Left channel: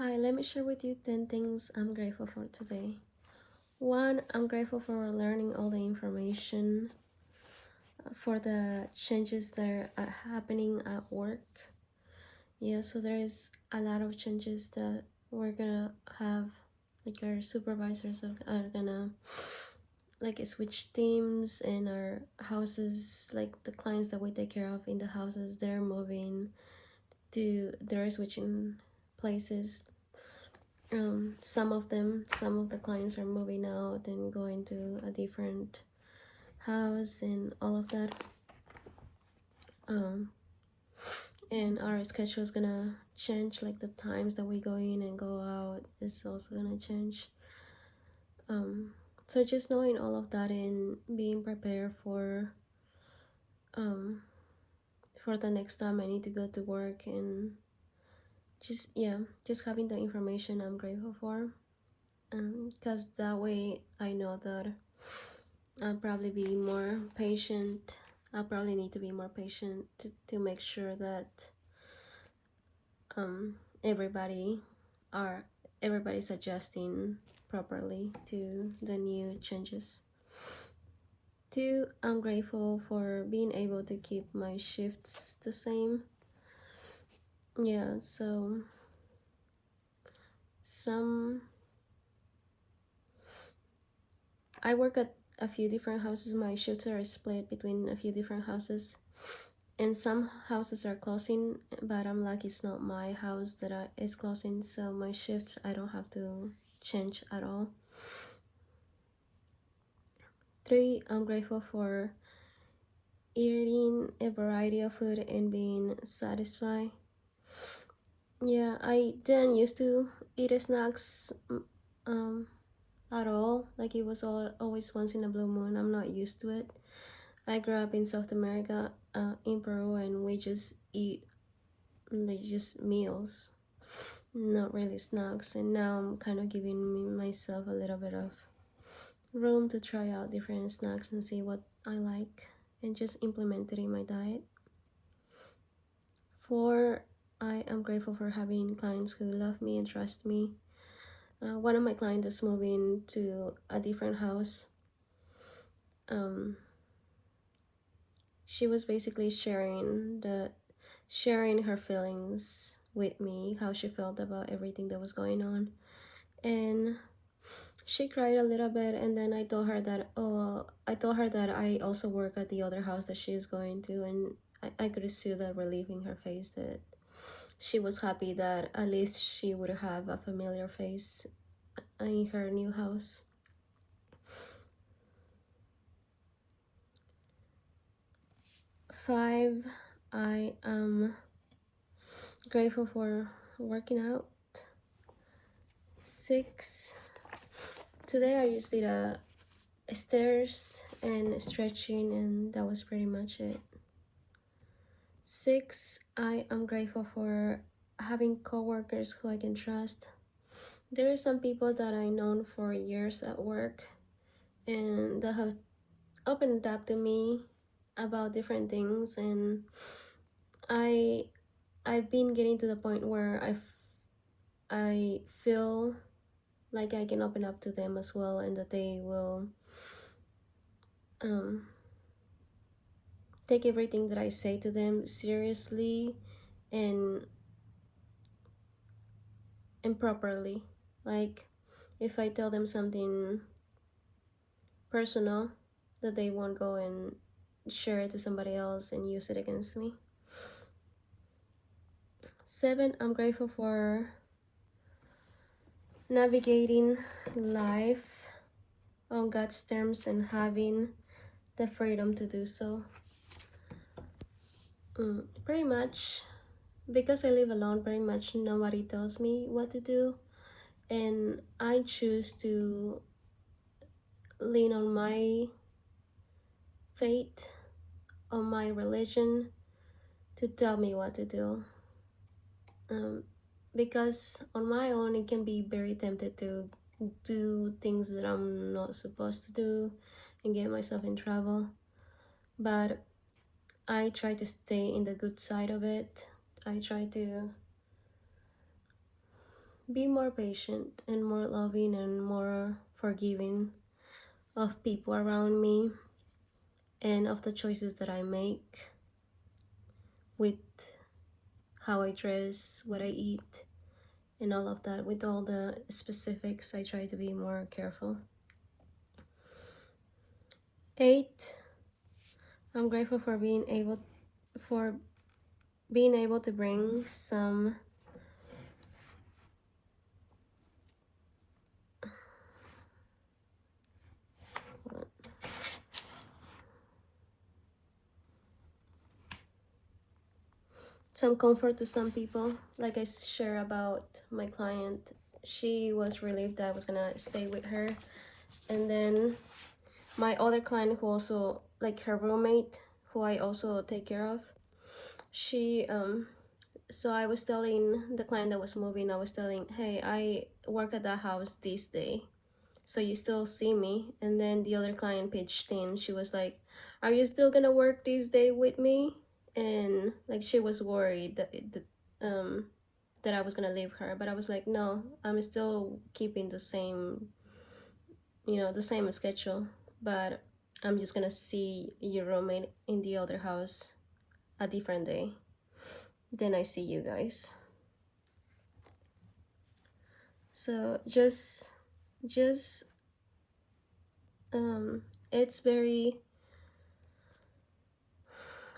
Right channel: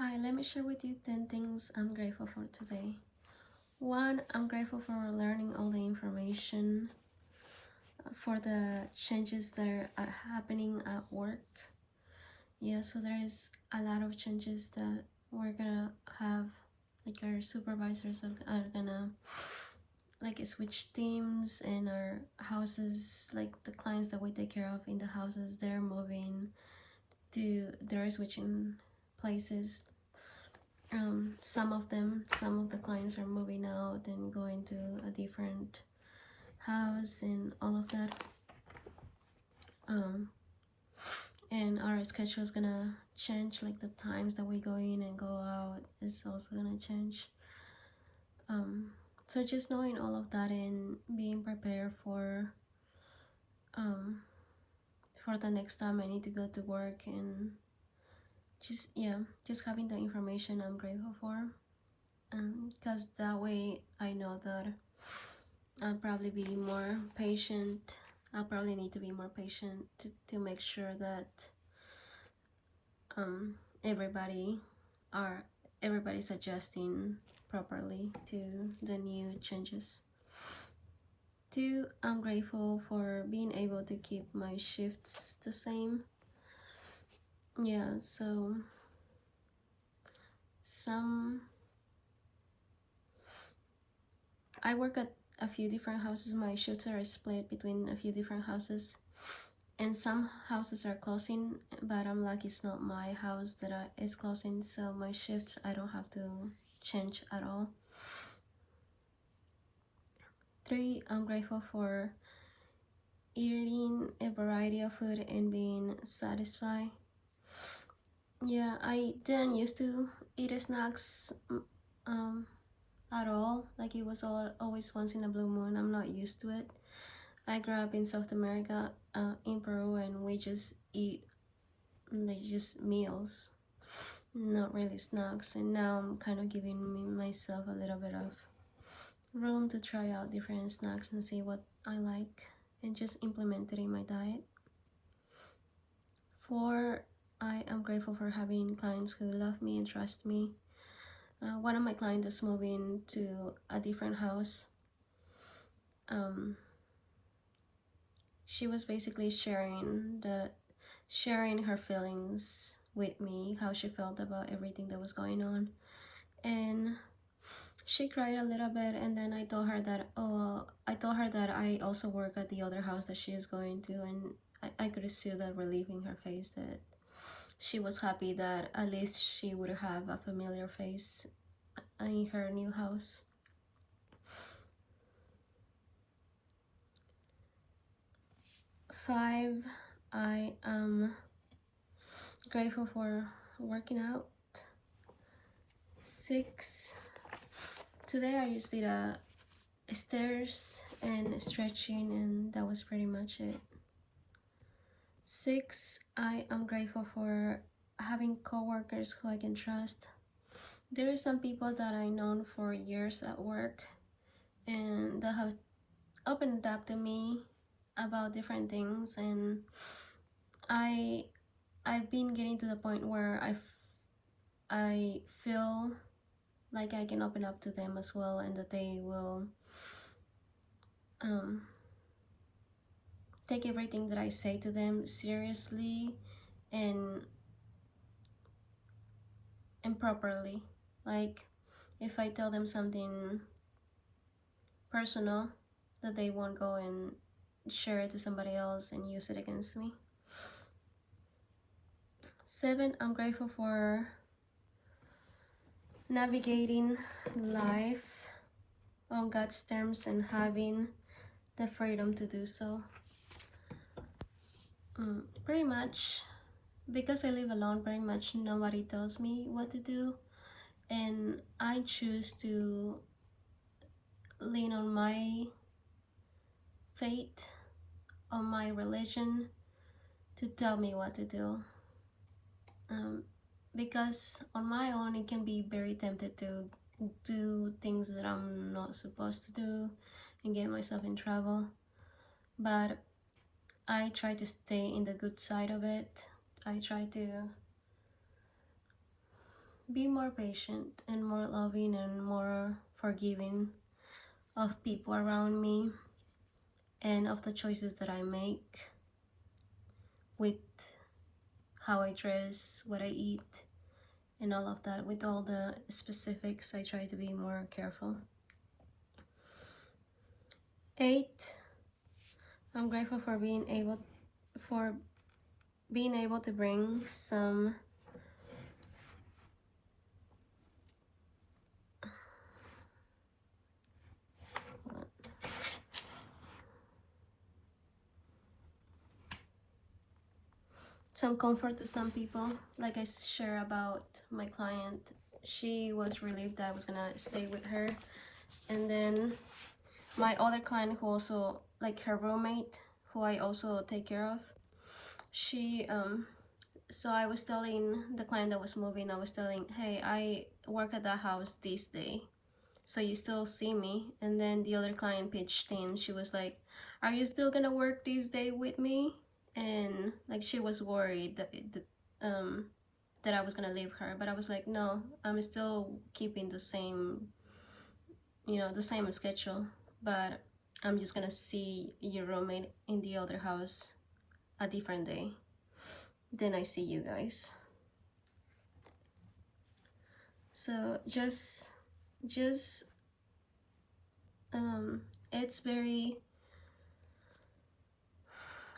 Hi, let me share with you 10 things I'm grateful for today. One, I'm grateful for learning all the information for the changes that are happening at work. Yeah, so there is a lot of changes that we're gonna have, like our supervisors are gonna like switch teams, and our houses, like the clients that we take care of in the houses, they're switching places. Some of the clients are moving out and going to a different house and all of that. And our schedule is gonna change, like the times that we go in and go out is also gonna change. So just knowing all of that and being prepared for the next time I need to go to work, and just having the information I'm grateful for, because that way I know that I'll probably be more patient. I'll probably need to be more patient to make sure that um, everybody are everybody's adjusting properly to the new changes. Two, I'm grateful for being able to keep my shifts the same. Yeah, so I work at a few different houses. My shifts are split between a few different houses, and some houses are closing, but I'm lucky it's not my house that is closing, so my shifts I don't have to change at all. Three, I'm grateful for eating a variety of food and being satisfied. Yeah, I didn't used to eat snacks at all. Like it was always once in a blue moon. I'm not used to it. I grew up in South America, in Peru, and we just eat like just meals, not really snacks. And now I'm kind of giving myself a little bit of room to try out different snacks and see what I like and just implement it in my diet. Four, I am grateful for having clients who love me and trust me. One of my clients is moving to a different house. She was basically sharing her feelings with me, how she felt about everything that was going on, and she cried a little bit. And then I told her that I also work at the other house that she is going to, and I could see the relief in her face, that she was happy that at least she would have a familiar face in her new house. Five, I am grateful for working out. Six, today I just did a stairs and stretching, and that was pretty much it. Six, I am grateful for having coworkers who I can trust. There are some people that I known for years at work, and that have opened up to me about different things, and I've been getting to the point where I feel like I can open up to them as well, and that they will take everything that I say to them seriously and properly. Like if I tell them something personal, that they won't go and share it to somebody else and use it against me. Seven, I'm grateful for navigating life on God's terms and having the freedom to do so. Pretty much, because I live alone, pretty much nobody tells me what to do, and I choose to lean on my faith, on my religion, to tell me what to do. Because on my own, it can be very tempted to do things that I'm not supposed to do and get myself in trouble. But I try to stay in the good side of it. I try to be more patient and more loving and more forgiving of people around me and of the choices that I make with how I dress, what I eat, and all of that. With all the specifics, I try to be more careful. 8, I'm grateful for being able to bring some comfort to some people. Like I share about my client, she was relieved that I was gonna stay with her. And then my other client, who also, like her roommate, who I also take care of, she so I was telling the client that was moving, I was telling, hey, I work at that house this day, so you still see me. And then the other client pitched in, she was like, are you still gonna work this day with me? And like she was worried that I was gonna leave her, but I was like, no, I'm still keeping the same, the same schedule, but I'm just gonna see your roommate in the other house a different day. Then I see you guys. So just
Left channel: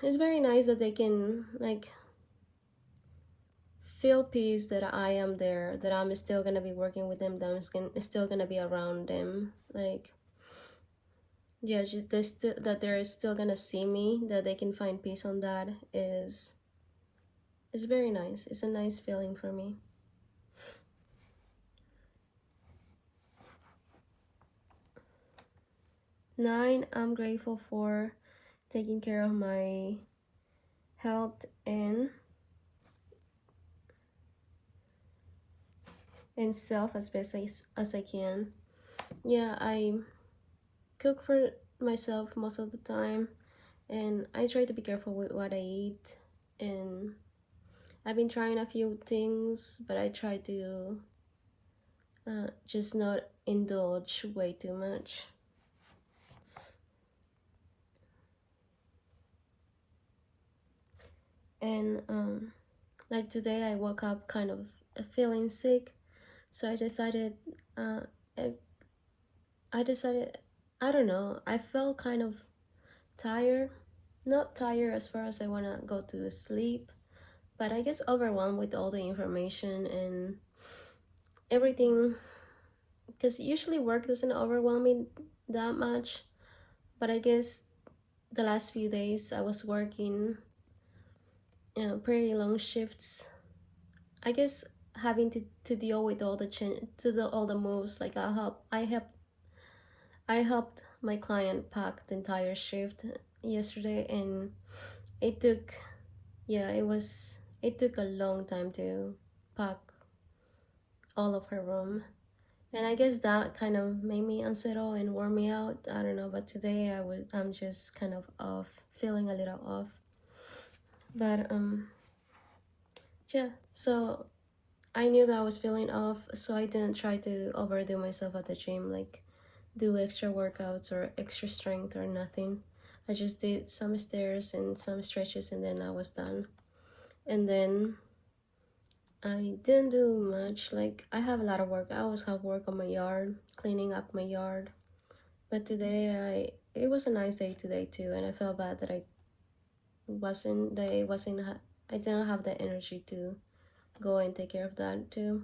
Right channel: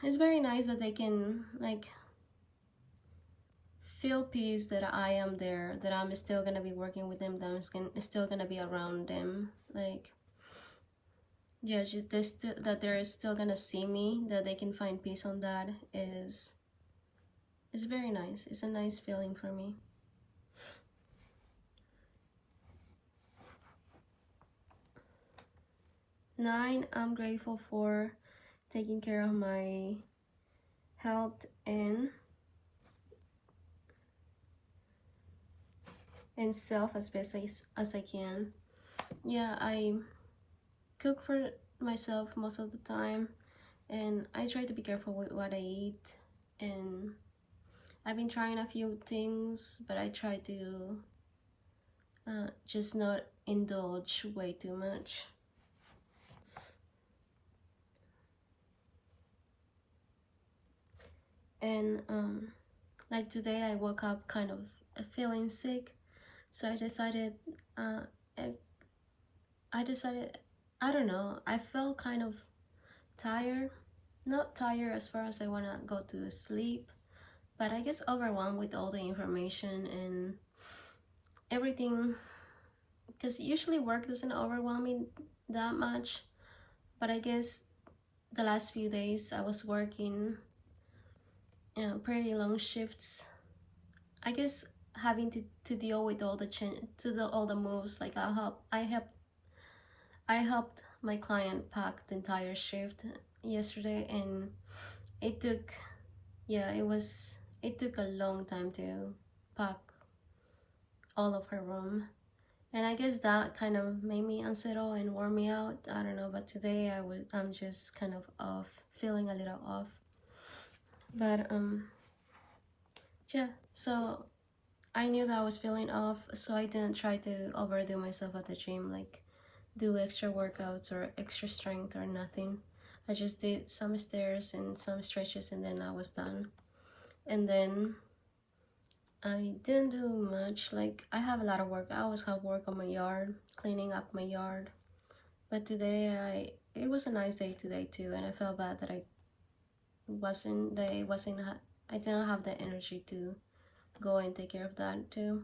it's very nice that they can like feel peace that I am there, that I'm still gonna be working with them, that I'm still gonna be around them. Like, yeah, that they're still gonna see me, that they can find peace on that is very nice. It's a nice feeling for me. 9, I'm grateful for taking care of my health and self as best as I can. Yeah, I cook for myself most of the time, and I try to be careful with what I eat. And I've been trying a few things, but I try to just not indulge way too much. And like today I woke up kind of feeling sick, so I decided I don't know, I felt kind of tired, not tired as far as I want to go to sleep, but I guess overwhelmed with all the information and everything, because usually work doesn't overwhelm me that much, but I guess the last few days I was working pretty long shifts. I guess having to deal with all the moves, like I helped my client pack the entire shift yesterday, and it took it took a long time to pack all of her room. And I guess that kind of made me unsettle and wore me out. I don't know, but today I'm just kind of off, feeling a little off. But yeah, so I knew that I was feeling off, so I didn't try to overdo myself at the gym, like do extra workouts or extra strength or nothing. I just did some stairs and some stretches, and then I was done. And then I didn't do much. Like, I have a lot of work. I always have work on my yard, cleaning up my yard. But today it was a nice day today too, and I felt bad that I didn't have the energy to go and take care of that too.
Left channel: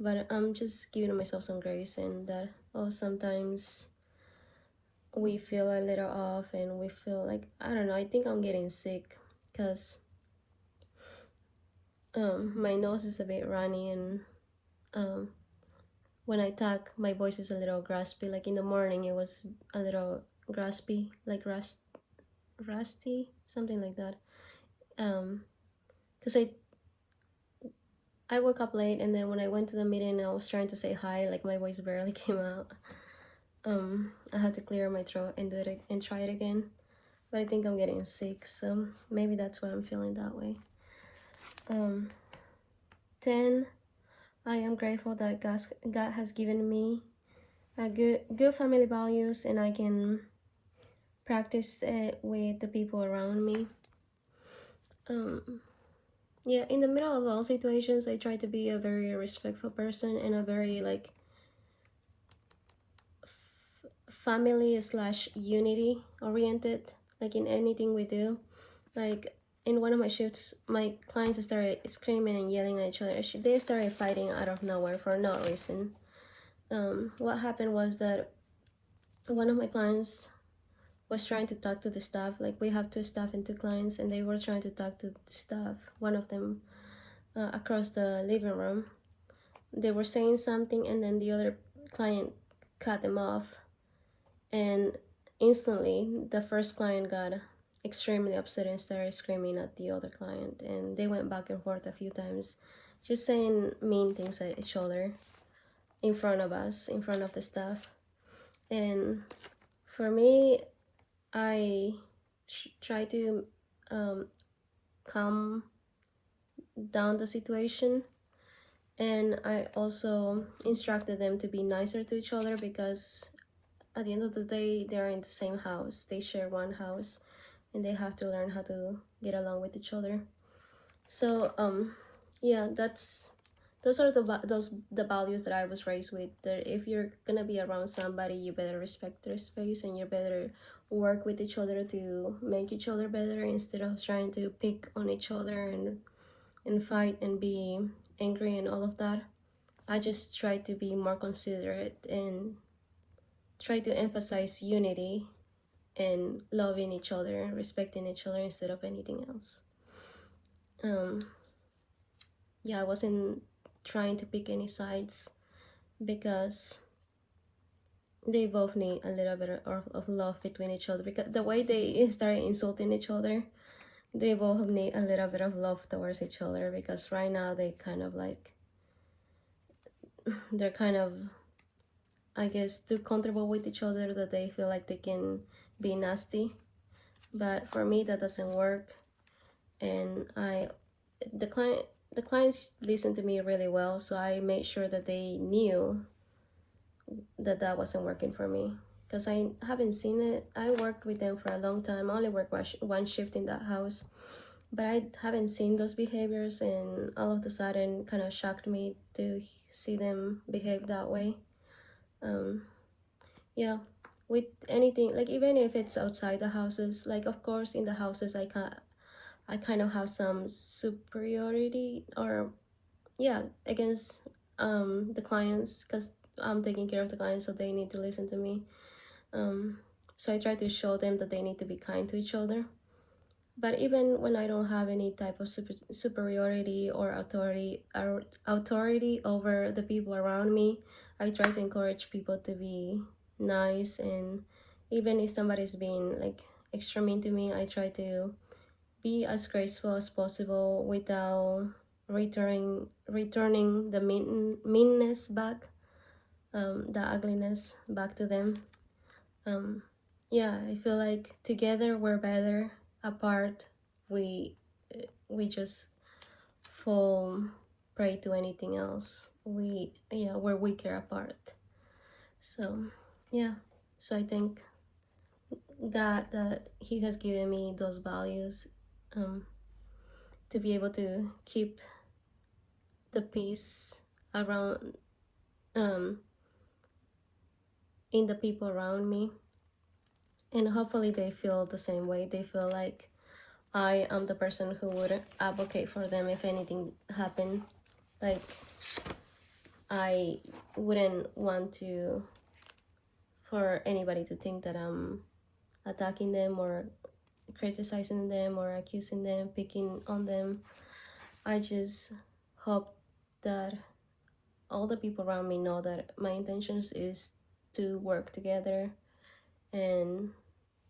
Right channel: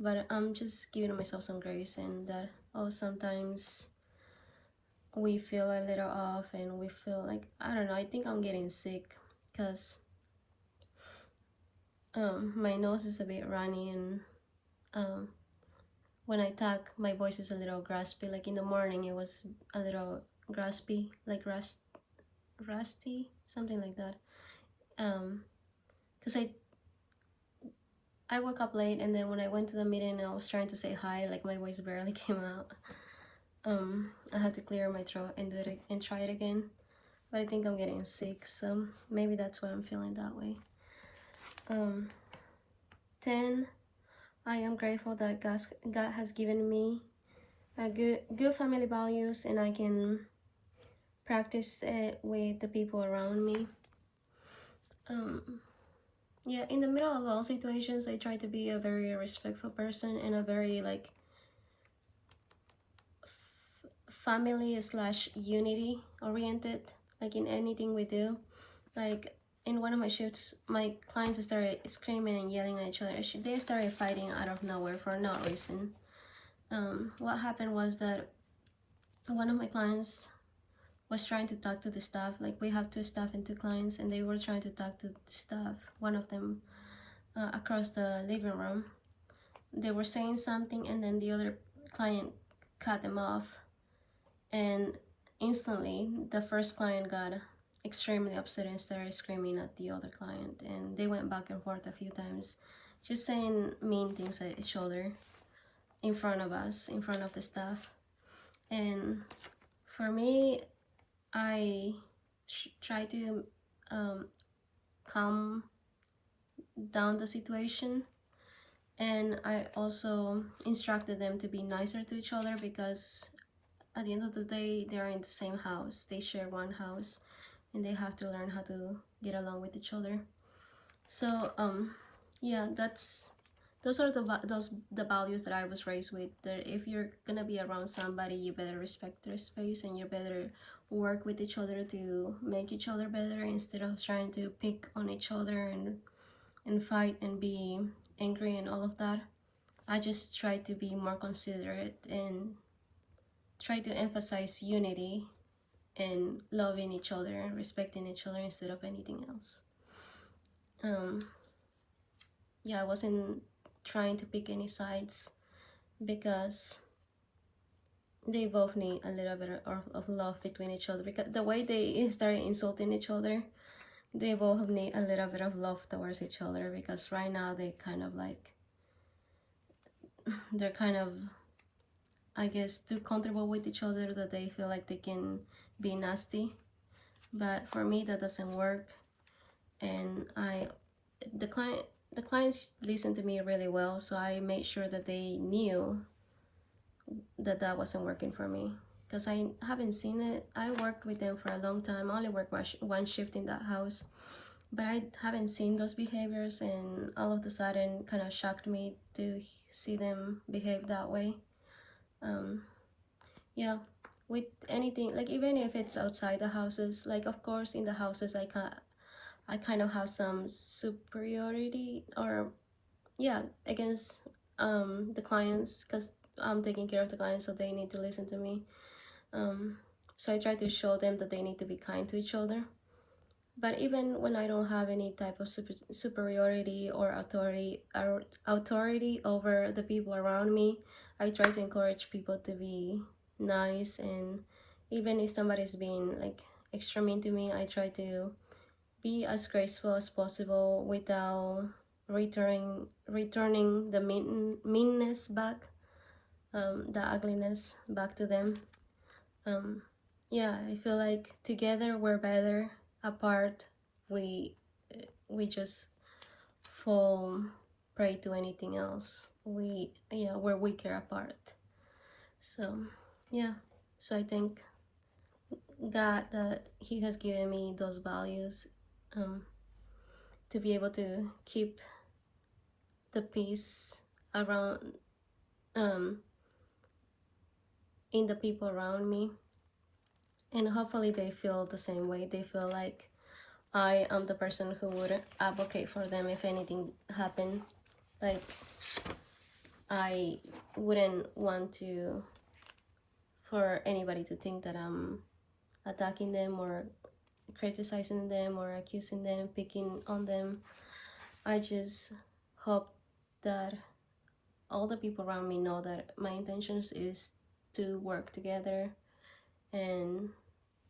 But I'm just giving myself some grace, and that sometimes we feel a little off, and we feel like, I don't know, I think I'm getting sick because my nose is a bit runny, and when I talk, my voice is a little raspy. Like in the morning, it was a little raspy, like rusty, something like that. Because I woke up late, and then when I went to the meeting, I was trying to say hi, like my voice barely came out. I had to clear my throat and do it and try it again. But I think I'm getting sick, so maybe that's why I'm feeling that way. 10, I am grateful that God has given me a good family values, and I can practice it with the people around me. Yeah, in the middle of all situations, I try to be a very respectful person and a very like family slash unity oriented, like in anything we do. Like in one of my shifts, my clients started screaming and yelling at each other. They started fighting out of nowhere for no reason. What happened was that one of my clients was trying to talk to the staff. Like we have two staff and two clients, and they were trying to talk to the staff. One of them across the living room. They were saying something, and then the other client cut them off, and instantly the first client got extremely upset and started screaming at the other client, and they went back and forth a few times, just saying mean things at each other in front of us, in front of the staff. And for me, I try to calm down the situation, and I also instructed them to be nicer to each other, because at the end of the day, they're in the same house. They share one house, and they have to learn how to get along with each other. So yeah, those are the values that I was raised with. That if you're gonna be around somebody, you better respect their space, and you better work with each other to make each other better, instead of trying to pick on each other and fight and be angry and all of that. I just try to be more considerate and try to emphasize unity and loving each other, respecting each other instead of anything else. Yeah, I wasn't trying to pick any sides, because they both need a little bit of love between each other, because the way they started insulting each other, they both need a little bit of love towards each other, because right now they kind of like, they're kind of, I guess, too comfortable with each other, that they feel like they can be nasty. But for me, that doesn't work. And the clients listened to me really well, so I made sure that they knew that that wasn't working for me, because I haven't seen it. I worked with them for a long time. I only worked one shift in that house, but I haven't seen those behaviors, and all of a sudden kind of shocked me to see them behave that way. Yeah, with anything, like even if it's outside the houses, like of course in the houses I kind of have some superiority, or yeah, against the clients, because I'm taking care of the clients, so they need to listen to me. So I try to show them that they need to be kind to each other. But even when I don't have any type of superiority or authority over the people around me, I try to encourage people to be nice. And even if somebody's being like extra mean to me, I try to be as graceful as possible without returning the meanness back, the ugliness back to them. Yeah, I feel like together we're better. Apart, we just fall prey to anything else. We're weaker apart. So yeah, so I thank God that He has given me those values, to be able to keep the peace around, in the people around me, and hopefully they feel the same way. They feel like I am the person who would advocate for them if anything happened. Like, I wouldn't want for anybody to think that I'm attacking them or criticizing them or accusing them, picking on them. I just hope that all the people around me know that my intentions is to work together and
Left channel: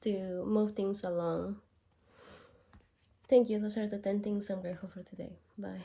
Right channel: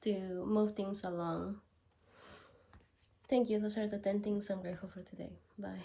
to move things along. Thank you. Those are the 10 things I'm grateful for today. Bye.